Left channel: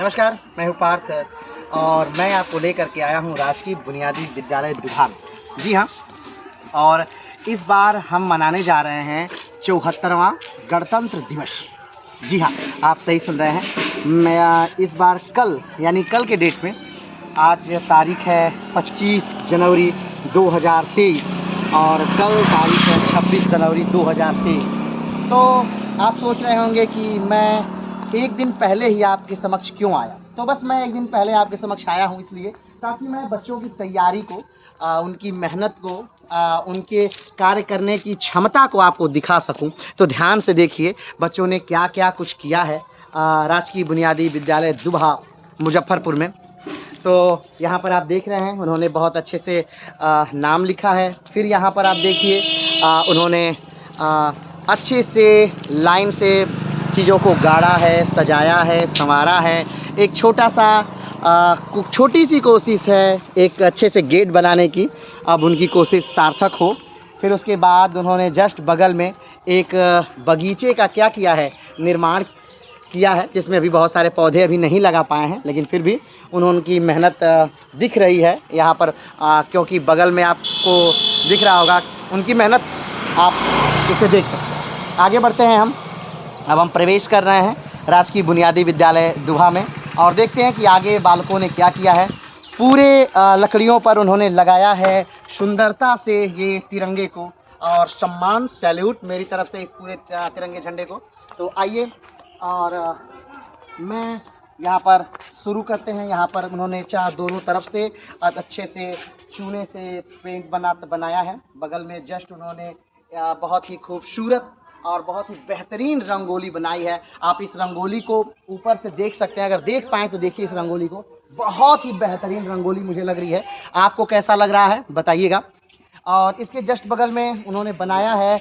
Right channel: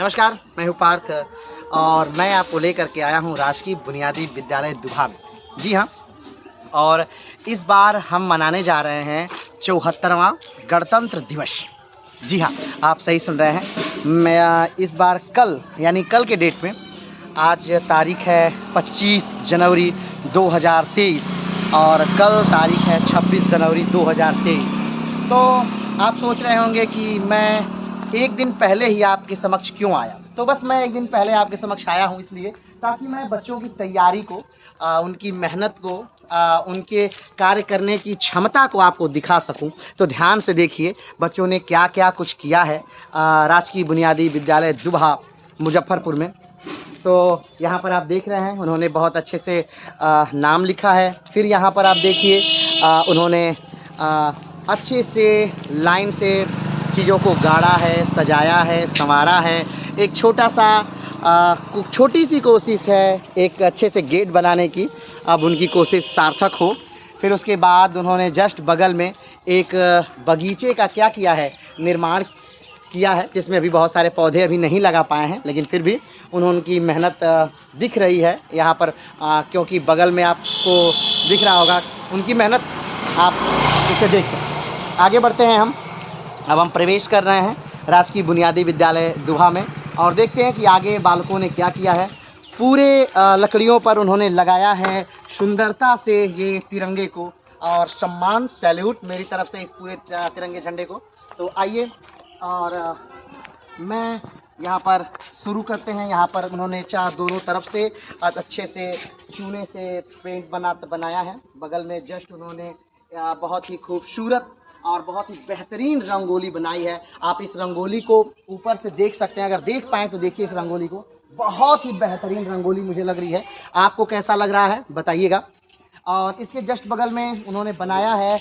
नमस्कार, मैं हूँ पार्थ और मैं आपको लेकर के आया हूँ राजकीय बुनियादी विद्यालय दुभा में। जी हाँ, और इस बार हम मनाने जा रहे हैं 74वां गणतंत्र दिवस। जी हाँ, आप सही सुन रहे हैं। मैं इस बार कल यानी कल के डेट में, आज तारीख है 25 जनवरी 2023 और कल तारीख है 26 जनवरी 2023। तो आप सोच रहे होंगे कि मैं एक दिन पहले ही आपके समक्ष क्यों आया। तो बस मैं एक दिन पहले आपके समक्ष आया हूँ इसलिए ताकि मैं बच्चों की तैयारी को, उनकी मेहनत को, उनके कार्य करने की क्षमता को आपको दिखा सकूं। तो ध्यान से देखिए बच्चों ने क्या क्या कुछ किया है राजकीय बुनियादी विद्यालय दुभा मुजफ्फरपुर में। तो यहाँ पर आप देख रहे हैं उन्होंने बहुत अच्छे से नाम लिखा है। फिर यहाँ पर आप देखिए उन्होंने अच्छे से लाइन से चीज़ों को गाड़ा है, सजाया है, संवारा है। एक छोटी सी कोशिश है एक अच्छे से गेट बनाने की, अब उनकी कोशिश सार्थक हो। फिर उसके बाद उन्होंने जस्ट बगल में एक बगीचे का क्या किया है, निर्माण किया है, जिसमें अभी बहुत सारे पौधे अभी नहीं लगा पाए हैं, लेकिन फिर भी उनकी मेहनत दिख रही है यहाँ पर, क्योंकि बगल में आपको दिख रहा होगा उनकी मेहनत, आप इसे देख सकते हैं। आगे बढ़ते हैं अब हम प्रवेश कर रहे हैं राजकीय बुनियादी विद्यालय दुभा में और देखते हैं कि आगे बालकों ने क्या किया है। पूरे लकड़ियों पर उन्होंने लगाया है सुंदरता से ये तिरंगे को, और सम्मान सैल्यूट मेरी तरफ से इस पूरे तिरंगे झंडे को। तो आइए और मैं यहाँ पर शुरू करते हैं। यहाँ पर उन्होंने दोनों तरफ से अच्छे से चूने से पेंट बनाया है। बगल में जस्ट उन्होंने बहुत ही खूबसूरत और बहुत ही बेहतरीन रंगोली बनाई है। आप इस रंगोली को ऊपर से देख सकते हैं, अगर देख पाएँ तो देखिए इस रंगोली को। बहुत ही बेहतरीन रंगोली मुझे लग रही है। आपको कैसा लग रहा है बताइएगा। और इसके जस्ट बगल में उन्होंने बनाया है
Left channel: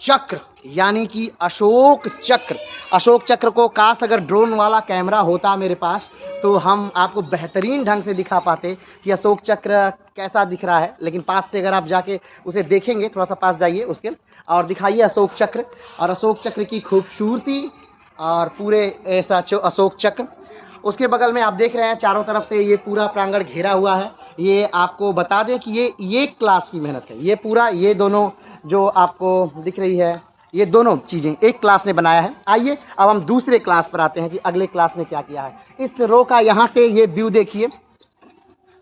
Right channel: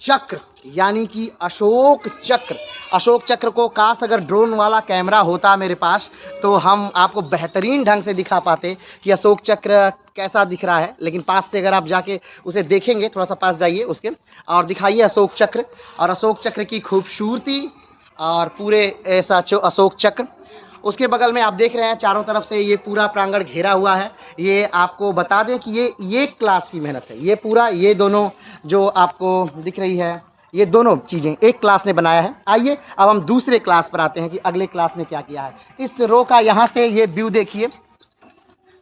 चक्र, यानी कि अशोक चक्र। अशोक चक्र को काश अगर ड्रोन वाला कैमरा होता मेरे पास तो हम आपको बेहतरीन ढंग से दिखा पाते कि अशोक चक्र कैसा दिख रहा है। लेकिन पास से अगर आप जाके उसे देखेंगे, थोड़ा सा पास जाइए उसके और दिखाइए अशोक चक्र और अशोक चक्र की खूबसूरती और पूरे ऐसा अशोक चक्र। उसके बगल में आप देख रहे हैं चारों तरफ से ये पूरा प्रांगण घेरा हुआ है। ये आपको बता दें कि ये क्लास की मेहनत है। ये पूरा, ये दोनों जो आपको दिख रही है, ये दोनों चीज़ें एक क्लास ने बनाया है। आइए अब हम दूसरे क्लास पर आते हैं कि अगले क्लास ने क्या किया है। इस रो का यहाँ से ये व्यू देखिए,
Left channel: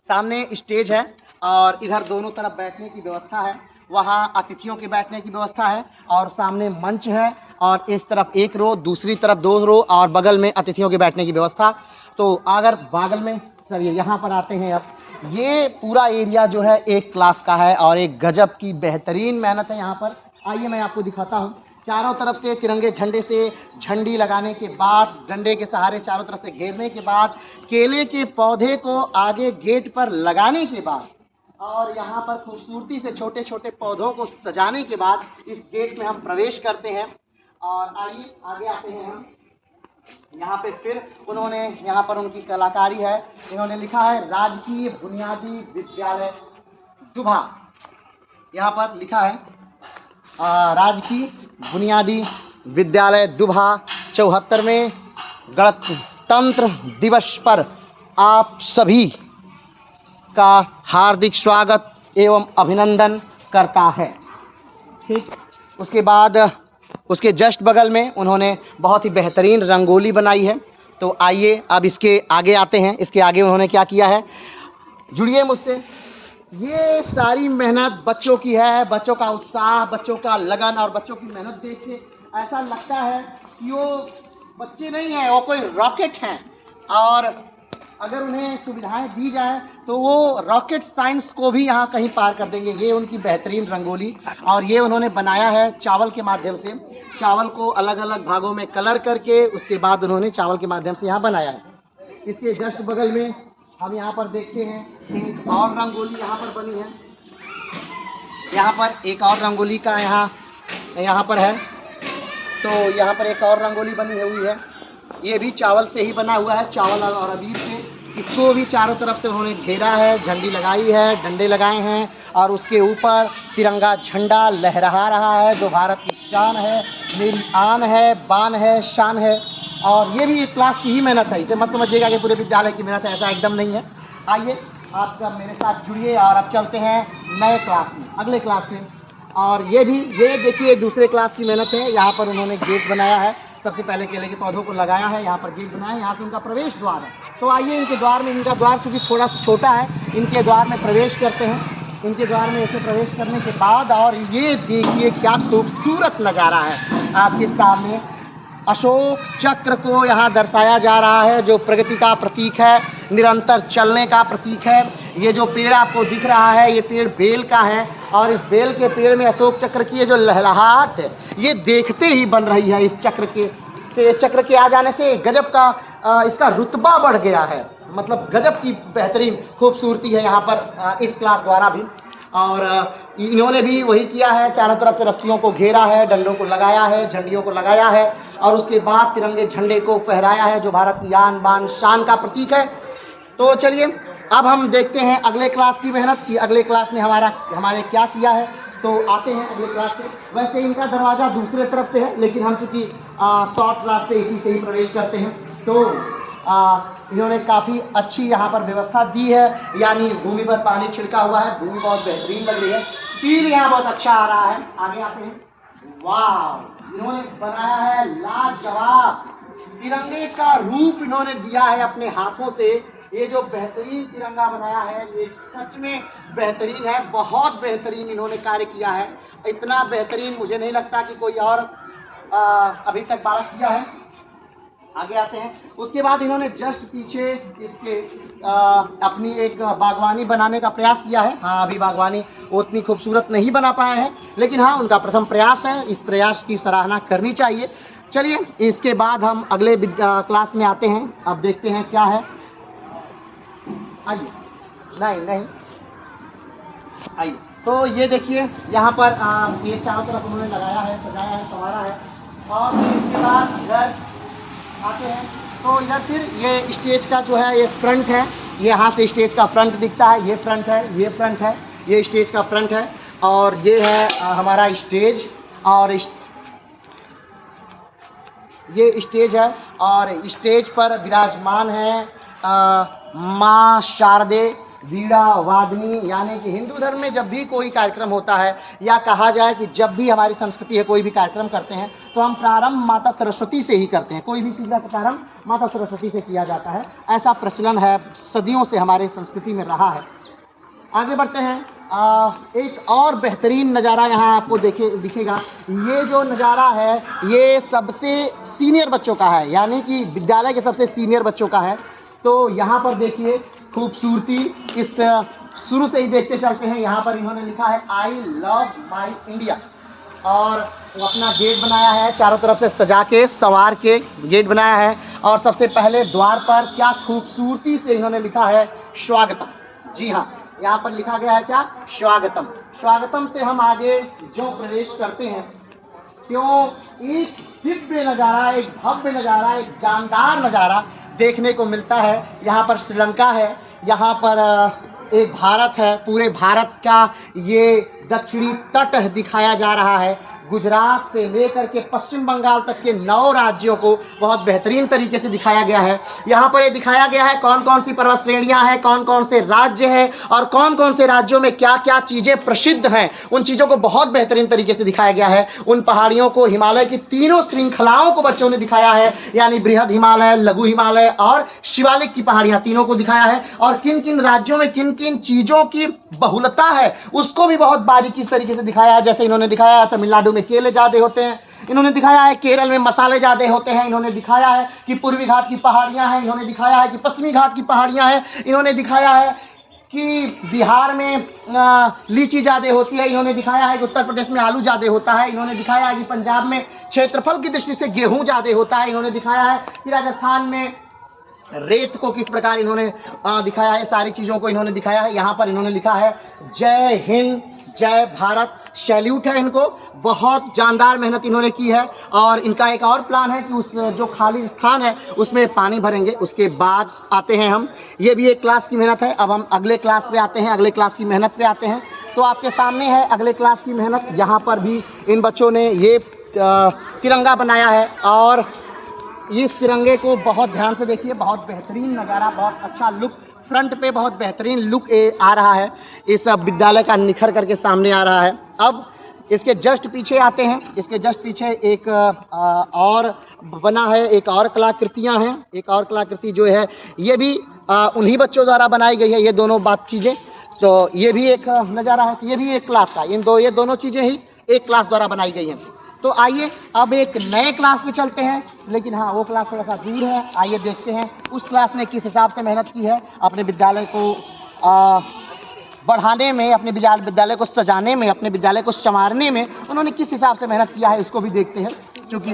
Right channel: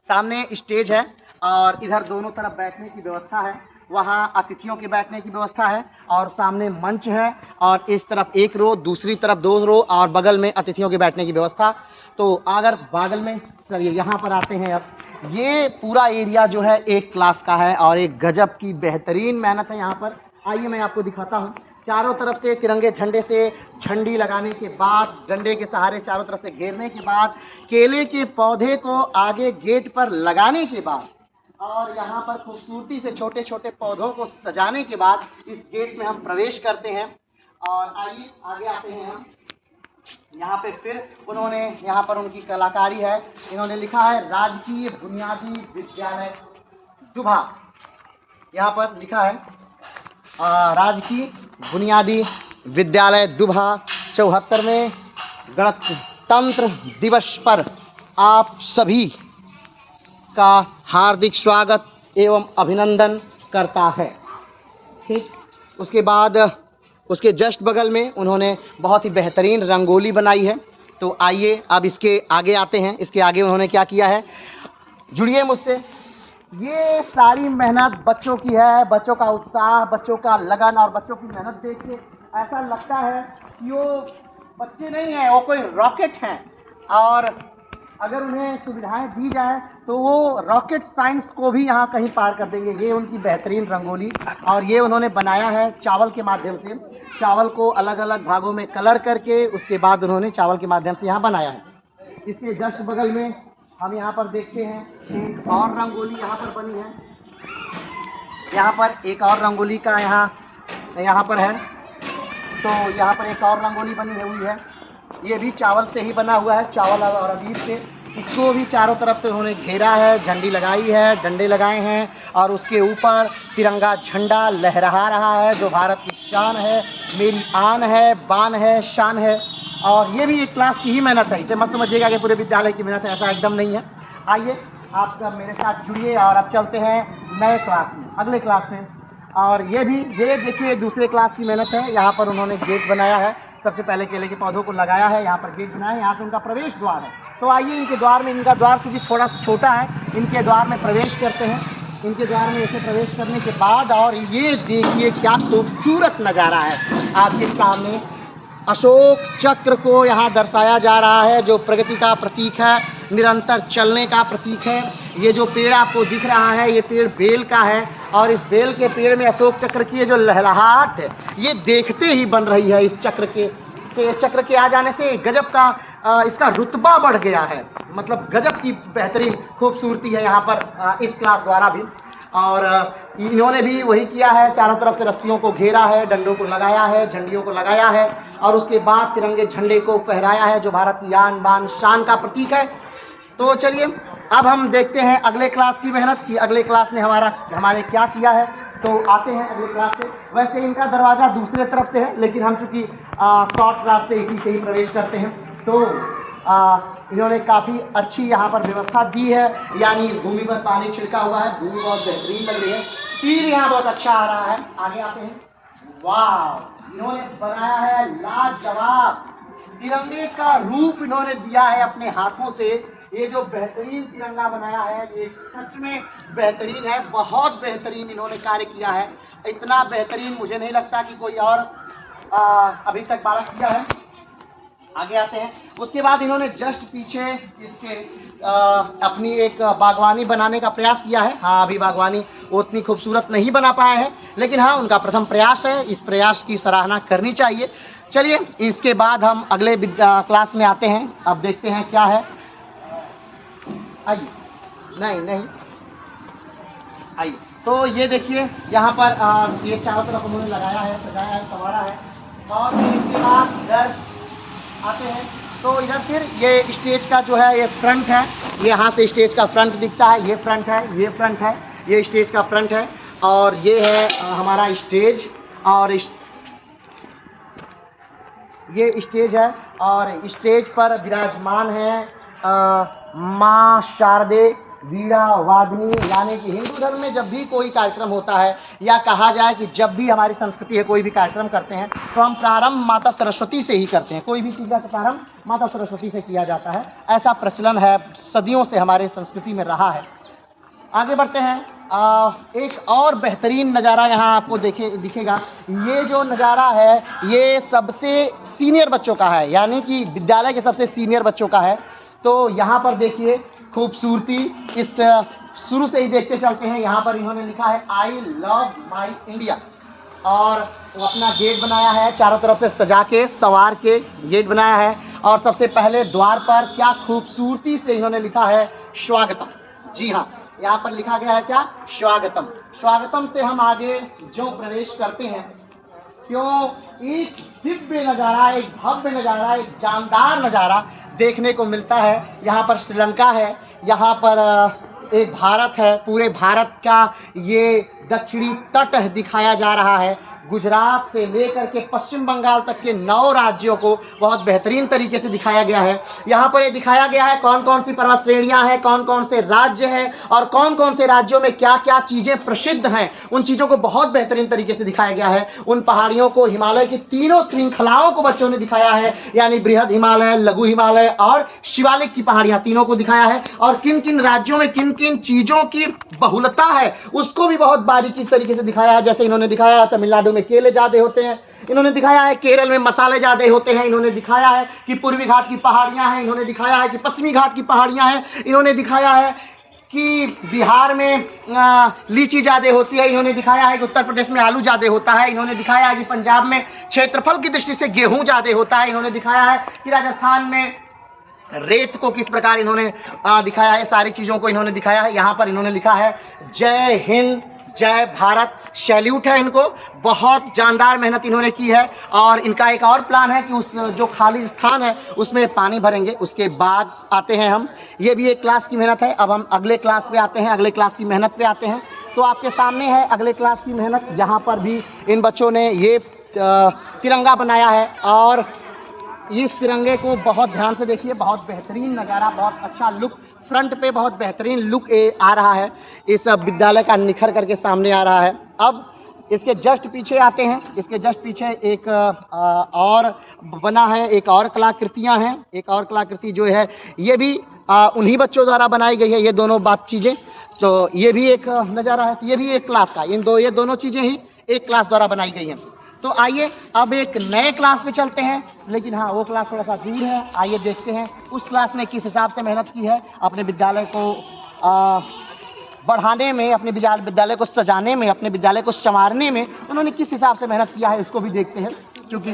सामने स्टेज है और इधर दोनों तरफ बैठने की व्यवस्था है। वहाँ अतिथियों के बैठने की व्यवस्था है और सामने मंच है और इस तरफ एक रो, दूसरी तरफ दो रो और बगल में अतिथियों के बैठने की व्यवस्था। तो अगर बगल में चलिए यहाँ पर आते हैं। अब ये पूरा एरिया जो है एक क्लास का है और एक गजब की बेहतरीन मेहनत है यहाँ पर। आइए मैं आपको दिखाता हूँ। चारों तरफ से तिरंगे झंडे से झंडी लगाने के बाद, डंडे के सहारे चारों तरफ से घेरने के बाद, केले के पौधे को आगे गेट पर लगाने के बाद और यहाँ पर खूबसूरती से छोटे छोटे पौधों को सजाने के बाद इस गेट में हम प्रवेश करते हैं। और आइए आगे आते हैं हम। यहाँ पे फिर उन्होंने, यहाँ पर उनकी कलाकारी है, इन्होंने लिखा है राजकीय बुनियादी विद्यालय दुभा। यहाँ पर लिखा है राजकीय बुनियादी विद्यालय दुभा 74वें गणतंत्र दिवस पर आप सभी का हार्दिक स्वागत एवं अभिनंदन करता है। ठीक, उसके बाद उसके जस्ट बगल में उन्होंने बहुत ही बेहतरीन रंगोली बनाई है। तो आइए अब इसके आगे आते हैं। इसके आगे उन्होंने क्या किया है, जुड़िए मुझसे। ये सारी मेहनत बच्चों की है, बच्चों का उत्साह, बच्चों का लगन और बच्चों की मेहनत देख के ऐसा लगता है कि वो बच्चे नहीं हैं, वो कोई रॉकेट हैं। और अगर उन्हें सुविधाएं दी जाए तो वो रॉकेट साइंस को भी यहाँ कहीं पार कर देंगे। ये उनकी बेहतरीन रंगोली, और ये उन्होंने बनाया है चावल के माध्यम से। चावल को अलग अलग भागों में कलर करके उसके बाद उन्होंने चावल के माध्यम से यहाँ बनाया है। इसके जस्ट बगल में हम यहाँ पर देखते हैं एक और रंगोली यहाँ पर बनी है। यहाँ पर एक और रंगोली का यहाँ पर है। तो यहाँ पर एक और रंगोली बनी हुई है, ये भी चावल से ही बना हुआ है, चावल और अबीर के। इसको भी चारों तरफ से उन्होंने घेरा है, झंडी लगाई है, डंडे लगाए हैं और उसके ऊपर तिरंगा झंडा लहरा रहा है, जो भारत की शान है, मेरी आन है, बान है, शान है। और ये भी एक क्लास की ही मेहनत है, इसे मत समझिएगा कि पूरे विद्यालय की मेहनत है, ऐसा एकदम नहीं है। आइए आप मेरे साथ जुड़िए और अब चलते हैं नए क्लास में, अगले क्लास में। और ये देखिए दूसरे क्लास की मेहनत है। यहाँ पर उन्होंने गेट बनाया है, सबसे पहले केले के पौधों को लगाया है, यहाँ पर गेट बनाया है, यहाँ से उनका प्रवेश द्वार है। तो आइए इनके द्वार में, इनका द्वार चूँकि थोड़ा सा छोटा है, इनके द्वार में प्रवेश करते हैं। इनके द्वार में ऐसे प्रवेश करने के बाद, और ये देखिए क्या खूबसूरत नज़ारा है आपके सामने। अशोक चक्र को यहाँ दर्शाया जा रहा है, जो प्रगति का प्रतीक है, निरंतर चलने का प्रतीक है। ये जो पेड़ आपको दिख रहा है, ये पेड़ बेल का है, और इस बेल के पेड़ में अशोक चक्र की ये जो लहलहाट है, ये देखते ही बन रही है। इस चक्र के आ जाने से गजब का इसका रुतबा बढ़ गया है, मतलब गजब की बेहतरीन खूबसूरती है यहाँ पर इस क्लास द्वारा भी। और इन्होंने भी वही किया है, चारों तरफ से रस्सियों को घेरा है, डंडों को लगाया है, झंडियों को लगाया है, और उसके बाद तिरंगे झंडे को फहराया है, जो भारत की आन बान शान का प्रतीक है। तो चलिए अब हम देखते हैं अगले क्लास की मेहनत कि अगले क्लास ने हमारे क्या किया है। तो आते हैं अगले क्लास से। वैसे इनका दरवाज़ा दूसरे तरफ से है, लेकिन हम चूँकि शॉर्ट क्लास से इसी से ही प्रवेश करते हैं, तो इन्होंने काफ़ी अच्छी यहाँ पर व्यवस्था दी है, यानी इस भूमि पर पानी छिड़का हुआ है, भूमि बहुत बेहतरीन लग रही है, फील यहाँ बहुत अच्छा आ रहा है। आगे आते हैं। वाह, इन्होंने बनाया है लाजवाब तिरंगे का रूप, इन्होंने दिया है अपने हाथों से। ये जो बेहतरीन तिरंगा बनाया है, ये सच में बेहतरीन है, बहुत बेहतरीन इन्होंने कार्य किया है। इतना बेहतरीन मुझे नहीं लगता कि कोई और अभी तक बालक किया है। आगे आते हैं। उसके बाद इन्होंने जस्ट पीछे इसके अपनी एक बागवानी बनाने का प्रयास किया है। हाँ, अभी बागवानी उतनी खूबसूरत नहीं बना पाया है, लेकिन हाँ उनका प्रथम प्रयास है, इस प्रयास की सराहना करनी चाहिए। चलिए इसके बाद हम अगले क्लास में आते हैं। अब देखते हैं क्या है। आइए, नहीं आइए। तो ये देखिए यहाँ पर ये चारों तरफ उन्होंने लगाया है, सजाया है, संवारा है। और इसके बाद इधर आते हैं, तो इधर फिर ये स्टेज का जो है ये फ्रंट है, ये यहाँ से स्टेज का फ्रंट दिखता है, ये फ्रंट है, ये फ्रंट है, ये स्टेज का फ्रंट है, और ये है हमारा स्टेज। और ये स्टेज है, और स्टेज पर विराजमान है माँ शारदे वीणा वादनी। यानी कि हिंदू धर्म में जब भी कोई कार्यक्रम होता है, या कहा जाए कि जब भी हमारी संस्कृति है कोई भी कार्यक्रम करते हैं, तो हम प्रारंभ माता सरस्वती से ही करते हैं। कोई भी चीज़ का प्रारंभ माता सरस्वती से किया जाता है, ऐसा प्रचलन है, सदियों से हमारे संस्कृति में रहा है। आगे बढ़ते हैं। एक और बेहतरीन नज़ारा यहाँ आपको दिखेगा। ये जो नज़ारा है ये सबसे सीनियर बच्चों का है, यानी कि विद्यालय के सबसे सीनियर बच्चों का है। तो यहाँ पर देखिए खूबसूरती, इस शुरू से ही देखते चलते हैं। यहाँ पर इन्होंने लिखा है आई लव माई इंडिया, और अपना गेट बनाया है, चारों तरफ से सजा के संवार के गेट बनाया है। और सबसे पहले द्वार पर क्या खूबसूरती से इन्होंने लिखा है स्वागतम। जी हाँ, यहाँ पर लिखा गया है क्या, स्वागतम। स्वागतम से हम आगे जो प्रवेश करते हैं, क्यों एक दिव्य नज़ारा, एक भव्य नज़ारा, एक जानदार नज़ारा देखने को मिलता है। यहाँ पर श्रीलंका है, यहाँ पर एक भारत है, पूरे भारत का ये दक्षिणी तट दिखाया जा रहा है। गुजरात से लेकर के पश्चिम बंगाल तक के 9 राज्यों को बहुत बेहतरीन तरीके से दिखाया गया है। यहाँ पर ये दिखाया गया है कौन कौन सी पर्वत श्रेणियाँ हैं, कौन कौन से राज्य हैं, और कौन कौन से राज्यों में क्या क्या चीज़ें प्रसिद्ध हैं। उन चीज़ों को बहुत बेहतरीन तरीके से दिखाया गया है। उन पहाड़ियों को, हिमालय की तीनों श्रृंखलाओं को बच्चों ने दिखाया है, यानी बृहद हिमालय, लघु हिमालय और शिवालिक की पहाड़ियाँ, तीनों को दिखाया है। और किन किन राज्यों में किन किन चीज़ों की बहुलता है उसको भी बहुत बारीकी तरीके से दिखाया है। जैसे इन्होंने दिखाया तमिलनाडु में केले ज़्यादा होते हैं, इन्होंने दिखाया है केरल में मसाले ज़्यादा होते हैं, इन्होंने दिखाया है कि पूर्वी घाट की पहाड़ियाँ हैं, इन्होंने दिखाया है कि पश्चिमी घाट की पहाड़ियाँ हैं, इन्होंने दिखाया है कि बिहार में लीची ज़्यादा होती है, इन्होंने दिखाया है कि उत्तर प्रदेश में आलू ज़्यादा होता है, इन्होंने दिखाया है कि पंजाब में क्षेत्रफल की दृष्टि से गेहूँ ज़्यादा होता है, इन्होंने दिखाया है कि राजस्थान में रेत को किस प्रकार इन्होंने दिखाया है। सारी चीज़ों को इन्होंने दिखाया है। यहाँ पर इन्होंने लिखा है जय हिंद जय भारत, सैल्यूट है इनको, बहुत जानदार मेहनत इन्होंने की है। और इनका एक और प्लान है कि उस जो खाली स्थान है उसमें पानी भरेंगे। उसके बाद आते हैं हम, ये भी एक क्लास की मेहनत है। अब हम अगले क्लास पे आते हैं, अगले क्लास की मेहनत पे आते हैं। तो आपके सामने है अगले क्लास की मेहनत। यहाँ पर भी इन बच्चों ने ये तिरंगा बनाया है, और इस तिरंगे को बहुत ध्यान से देखिए, बहुत बेहतरीन नज़ारा, बहुत अच्छा लुक, फ्रंट पे बहुत बेहतरीन लुक आ रहा है, इस विद्यालय का निखर करके सामने आ रहा है। अब इसके जस्ट पीछे आते हैं, इसके जस्ट पीछे एक और बना है, एक और कलाकृतियाँ हैं, एक और कलाकृति जो है ये भी उन्हीं बच्चों द्वारा बनाई गई है, ये दोनों चीज़ें, तो ये भी एक नज़ारा है, तो ये भी एक क्लास का, ये दोनों चीज़ें ही एक क्लास द्वारा बनाई गई हैं। तो आइए अब एक नए क्लास में चलते हैं, लेकिन हाँ वो क्लास थोड़ा सा दूर है, आइए देखते हैं उस क्लास ने किस हिसाब से मेहनत की है अपने विद्यालय को बढ़ाने में, अपने विद्यालय को सजाने में, अपने विद्यालय को संवारने में उन्होंने किस हिसाब से मेहनत किया है, इसको भी देखते हैं। क्योंकि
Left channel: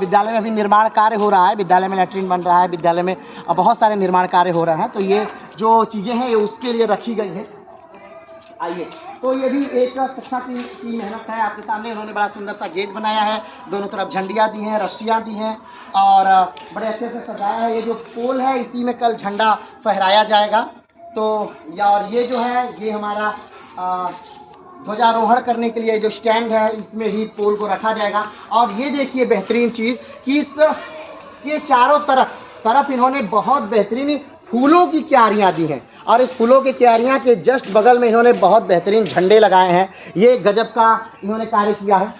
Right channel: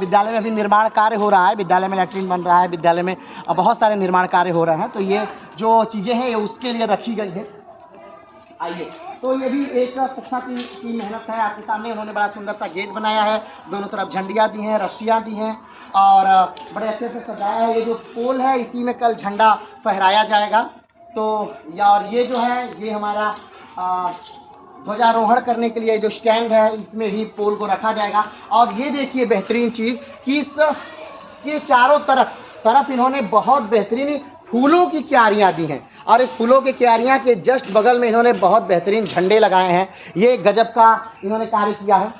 विद्यालय में अभी निर्माण कार्य हो रहा है, विद्यालय में लैट्रिन बन रहा है, विद्यालय में बहुत सारे निर्माण कार्य हो रहे हैं, तो ये जो चीज़ें हैं ये उसके लिए रखी गई हैं। आइए, तो ये भी एक कक्षा की मेहनत है आपके सामने। उन्होंने बड़ा सुंदर सा गेट बनाया है, दोनों तरफ झंडियाँ दी हैं, रस्सियाँ दी हैं और बड़े अच्छे से सजाया है। ये जो पोल है इसी में कल झंडा फहराया जाएगा। तो और ये जो है ये हमारा ध्वजारोहण करने के लिए जो स्टैंड है इसमें ही पोल को रखा जाएगा। और ये देखिए बेहतरीन चीज़ कि ये चारों तरफ इन्होंने बहुत बेहतरीन फूलों की क्यारियाँ दी हैं और इस फूलों की क्यारियाँ के जस्ट बगल में इन्होंने बहुत बेहतरीन झंडे लगाए हैं। ये गजब का इन्होंने कार्य किया है।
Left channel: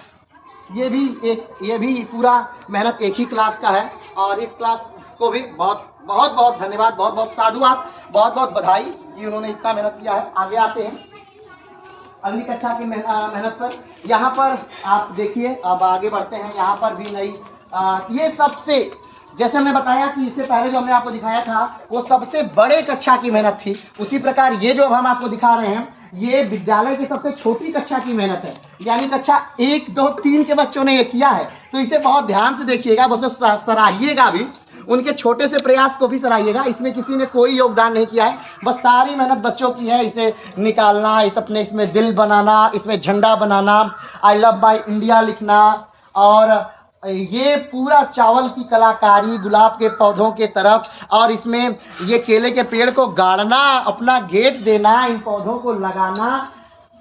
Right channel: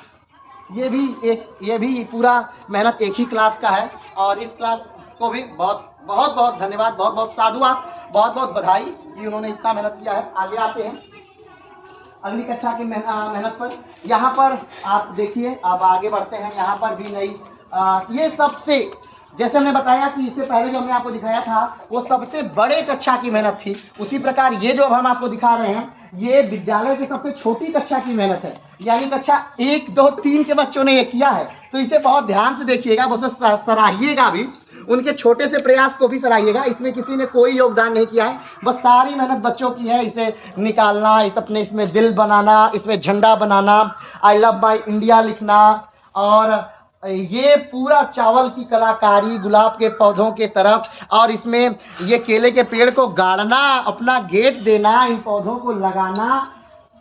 ये भी पूरा मेहनत एक ही क्लास का है और इस क्लास को भी बहुत धन्यवाद, बहुत साधुवाद, बहुत बधाई कि उन्होंने इतना मेहनत किया है। आगे आते हैं अगली कक्षा की मेहनत पर। यहाँ पर आप देखिए, अब आगे बढ़ते हैं। यहाँ पर भी नई ये सबसे, जैसे हमने बताया कि इससे पहले जो हमने आपको दिखाया था वो सबसे बड़े कक्षा की मेहनत थी, उसी प्रकार ये जो अब हम आपको दिखा रहे हैं ये विद्यालय की सबसे छोटी कक्षा की मेहनत है, यानी कक्षा 1, 2, 3 के बच्चों ने ये किया है। तो इसे बहुत ध्यान से देखिएगा, उसे सराहिएगा भी, उनके छोटे से प्रयास को भी सराहिएगा। इसमें किसी ने कोई योगदान नहीं किया है, बस सारी मेहनत बच्चों की है। इसे निकालना, अपने इसमें दिल बनाना, इसमें झंडा बनाना, आई लव माई इंडिया लिखना और ये पूरा चावल की कलाकारी, गुलाब के पौधों के तरफ और इसमें ये केले के पेड़ को गाड़ना, अपना गेट देना, इन पौधों को लगाना,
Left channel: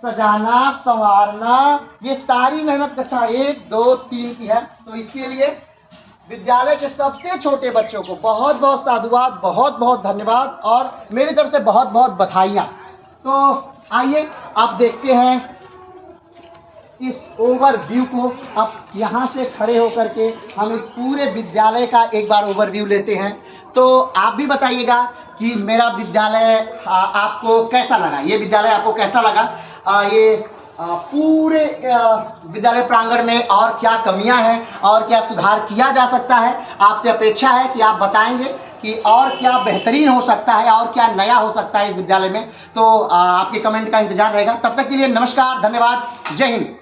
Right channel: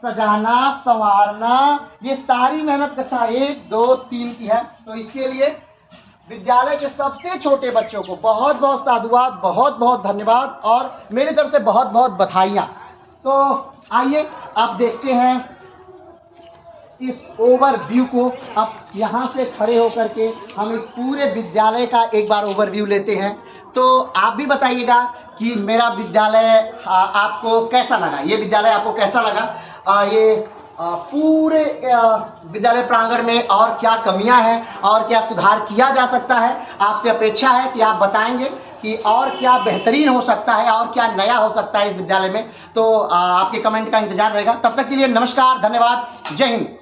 सजाना, संवारना, ये सारी मेहनत कक्षा 1, 2, 3 की है। तो इसके लिए विद्यालय के सबसे छोटे बच्चों को बहुत साधुवाद, बहुत धन्यवाद और मेरी तरफ से बहुत बधाइयाँ। तो आइए आप देखते हैं इस ओवरव्यू को। अब यहाँ से खड़े होकर के हम इस पूरे विद्यालय का एक बार ओवरव्यू लेते हैं। तो आप भी बताइएगा कि मेरा विद्यालय आपको कैसा लगा, ये विद्यालय आपको कैसा लगा, ये पूरे विद्यालय प्रांगण में और क्या कमियां हैं और क्या सुधार किया जा सकता है। आपसे अपेक्षा है कि आप बताएंगे कि और क्या बेहतरीन हो सकता है और क्या नया हो सकता है इस विद्यालय में। तो आपके कमेंट का इंतजार रहेगा। तब तक के लिए नमस्कार, धन्यवाद, जय हिंद।